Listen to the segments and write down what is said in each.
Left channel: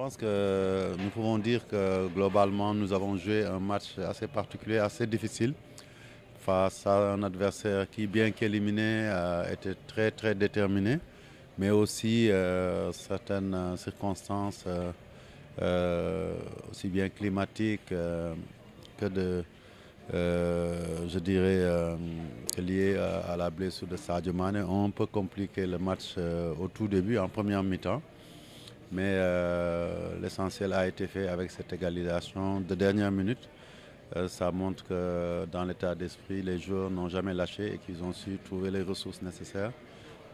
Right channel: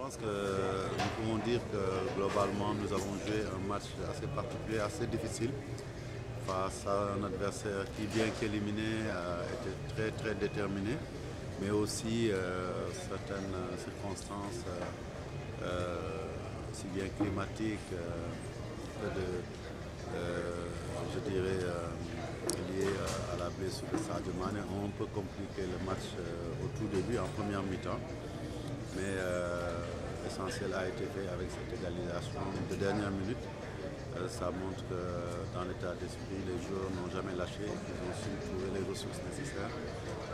pense que nous pouvons dire que globalement nous avons joué un match assez particulier, assez difficile face à un adversaire qui, bien qu'éliminé, était très déterminé, mais aussi certaines circonstances aussi bien climatiques que je dirais, liées à la blessure de Sadio Mané ont un peu compliqué le match au tout début, en première mi-temps. Mais l'essentiel a été fait avec cette égalisation de dernière minute. Ça montre que dans l'état d'esprit, les joueurs n'ont jamais lâché et qu'ils ont su trouver les ressources nécessaires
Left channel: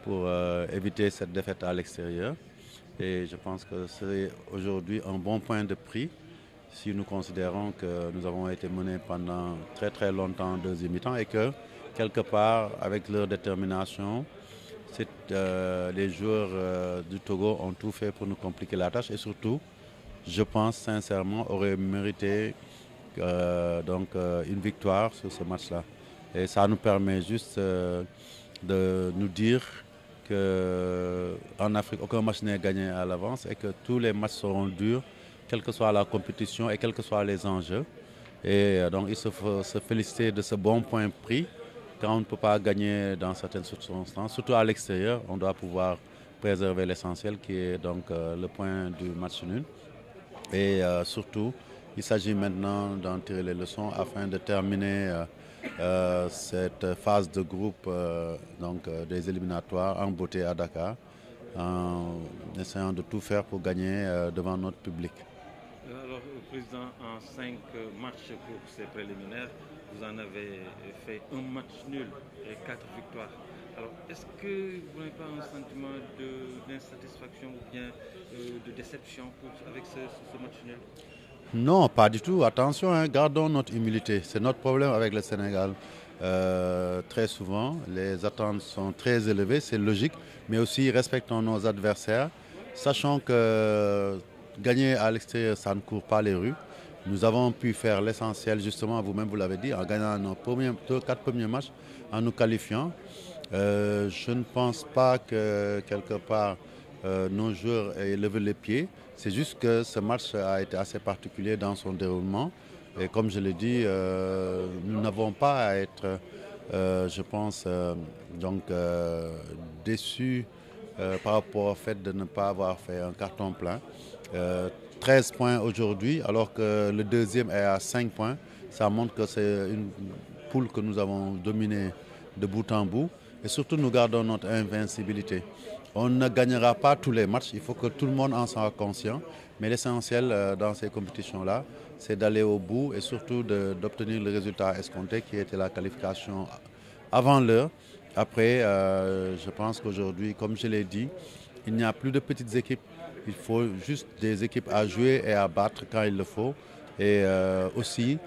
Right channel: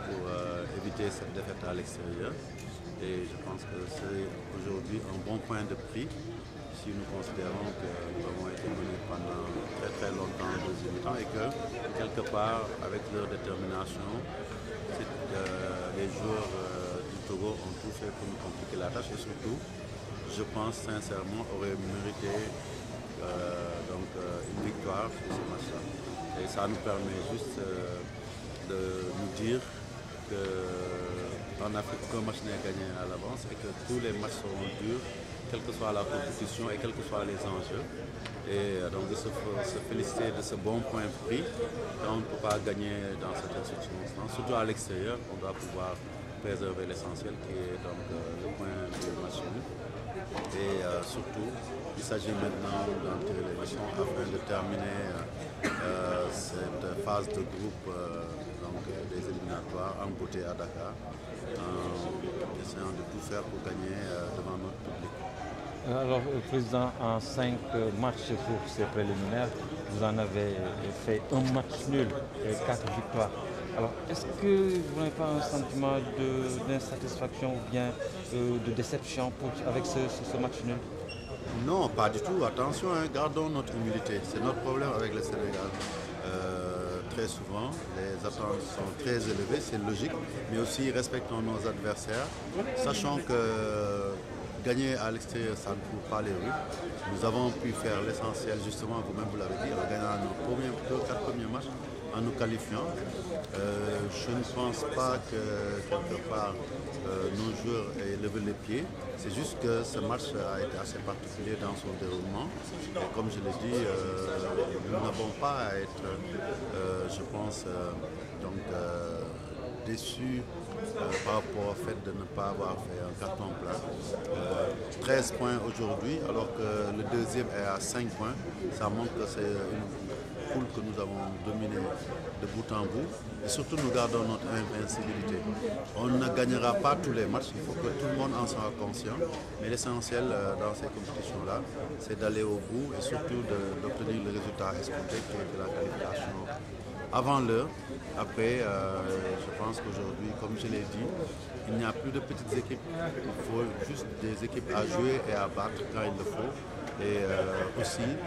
pour éviter cette défaite à l'extérieur. Et je pense que c'est aujourd'hui un bon point de prix si nous considérons que nous avons été menés pendant très longtemps en deuxième mi-temps et que quelque part, avec leur détermination, les joueurs du Togo ont tout fait pour nous compliquer la tâche et surtout, je pense sincèrement, auraient mérité une victoire sur ce match-là. Et ça nous permet juste de nous dire qu'en Afrique, aucun match n'est gagné à l'avance et que tous les matchs seront durs, quelle que soit la compétition et quels que soient les enjeux. Et donc il faut se féliciter de ce bon point pris. Quand on ne peut pas gagner dans certaines circonstances, surtout à l'extérieur, on doit pouvoir préserver l'essentiel qui est donc le point du match nul. Et surtout, il s'agit maintenant d'en tirer les leçons afin de terminer cette phase de groupe des éliminatoires en beauté à Dakar, en essayant de tout faire pour gagner devant notre public. Alors, Président, en 5 matchs pour ces préliminaires, vous en avez fait un match nul et 4 victoires. Alors, est-ce que vous n'avez pas un sentiment d'insatisfaction ou bien de déception avec ce match nul? Non, pas du tout. Attention, hein, gardons notre humilité. C'est notre problème avec le Sénégal. Très souvent, les attentes sont très élevées, c'est logique, mais aussi respectons nos adversaires. Sachant que gagner à l'extérieur, ça ne court pas les rues. Nous avons pu faire l'essentiel, justement, vous-même vous l'avez dit, en gagnant nos 4 premiers matchs, en nous qualifiant. Je ne pense pas que quelque part nos joueurs aient levé les pieds. C'est juste que ce match a été assez particulier dans son déroulement. Et comme je l'ai dit, nous n'avons pas à être, je pense, déçus par rapport au fait de ne pas avoir fait un carton plein. 13 points aujourd'hui, alors que le deuxième est à 5 points. Ça montre que c'est une poule que nous avons dominée de bout en bout. Et surtout, nous gardons notre invincibilité. On ne gagnera pas tous les matchs, il faut que tout le monde en soit conscient. Mais l'essentiel dans ces compétitions-là, c'est d'aller au bout et surtout d'obtenir le résultat escompté qui était la qualification avant l'heure. Après, je pense qu'aujourd'hui, comme je l'ai dit, il n'y a plus de petites équipes. Il faut juste des équipes à jouer et à battre quand il le faut. Et aussi,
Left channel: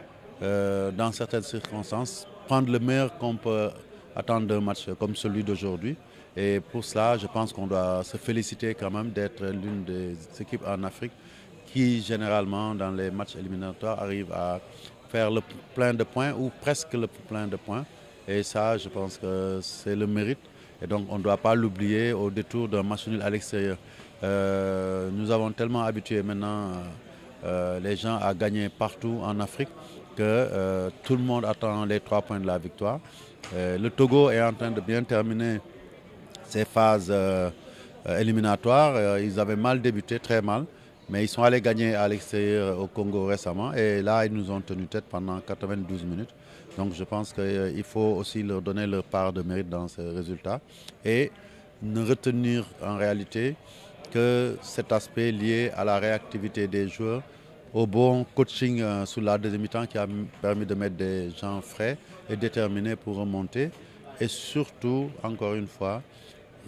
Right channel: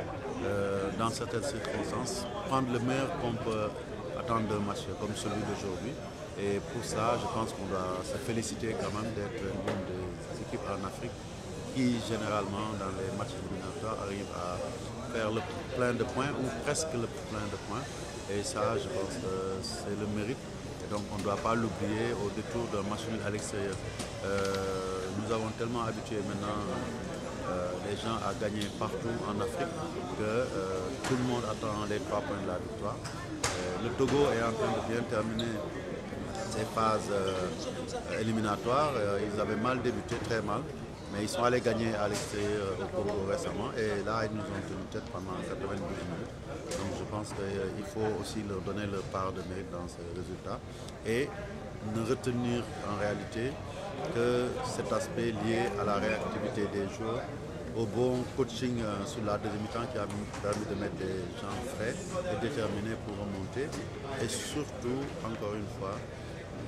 dans certaines circonstances, prendre le meilleur qu'on peut attendre d'un match comme celui d'aujourd'hui. Et pour ça, je pense qu'on doit se féliciter quand même d'être l'une des équipes en Afrique qui, généralement, dans les matchs éliminatoires, arrive à faire le plein de points ou presque le plein de points. Et ça, je pense que c'est le mérite. Et donc, on ne doit pas l'oublier au détour d'un match nul à l'extérieur. Nous avons tellement habitué maintenant les gens à gagner partout en Afrique que tout le monde attend les 3 points de la victoire. Le Togo est en train de bien terminer ces phases éliminatoires. Ils avaient mal débuté, très mal, mais ils sont allés gagner à l'extérieur au Congo récemment. Et là, ils nous ont tenu tête pendant 92 minutes. Donc je pense qu'il faut aussi leur donner leur part de mérite dans ces résultats. Et ne retenir en réalité que cet aspect lié à la réactivité des joueurs, au bon coaching sur la deuxième mi-temps qui a permis de mettre des gens frais et déterminés pour remonter. Et surtout, encore une fois,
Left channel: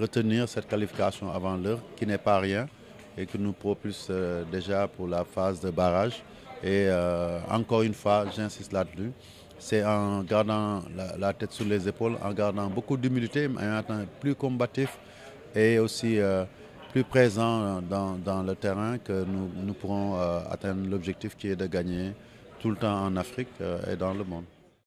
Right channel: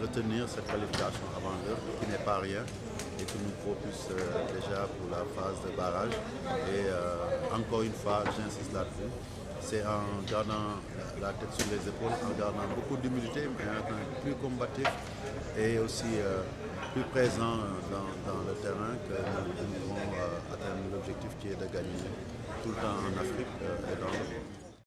retenir cette qualification avant l'heure qui n'est pas rien et qui nous propulse déjà pour la phase de barrage. Et encore une fois, j'insiste là-dessus, c'est en gardant la tête sur les épaules, en gardant beaucoup d'humilité, mais en étant plus combatif et aussi plus présent dans le terrain que nous pourrons atteindre l'objectif qui est de gagner tout le temps en Afrique et dans le monde.